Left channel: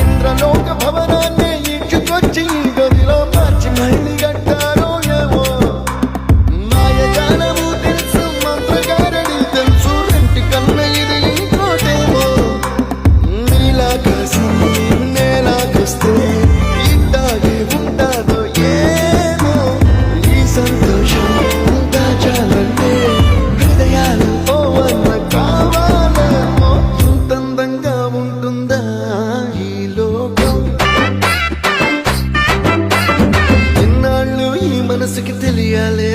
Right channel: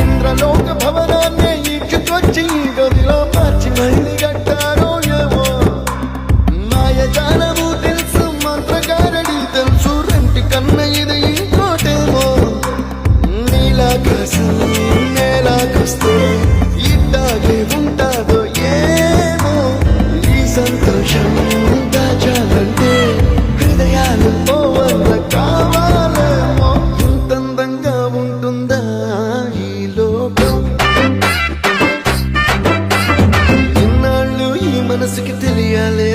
ఇంద్రలోక భవనాన్నే ఈడ్చుకొచ్చి గదిలో మార్చి మళ్ళీ కట్టారో ఏమో మాయజాలము తెలుసు మంత్రగారడి తెలుసు రెంటి కన్న ఇది ఇంకోటేమో నీలాకాశం నేలాకొస్తే ఇట్టాగే ఉంటాదో ఏమో ఈ సంతోషం దాచాలంటే హృదయాలు ఓ వంద కావాలేమో ఇంత అందంగా ఉంటుందా ఈ లోకం ఇన్నాళ్ళు ఈ మనసుకి తెలియాలే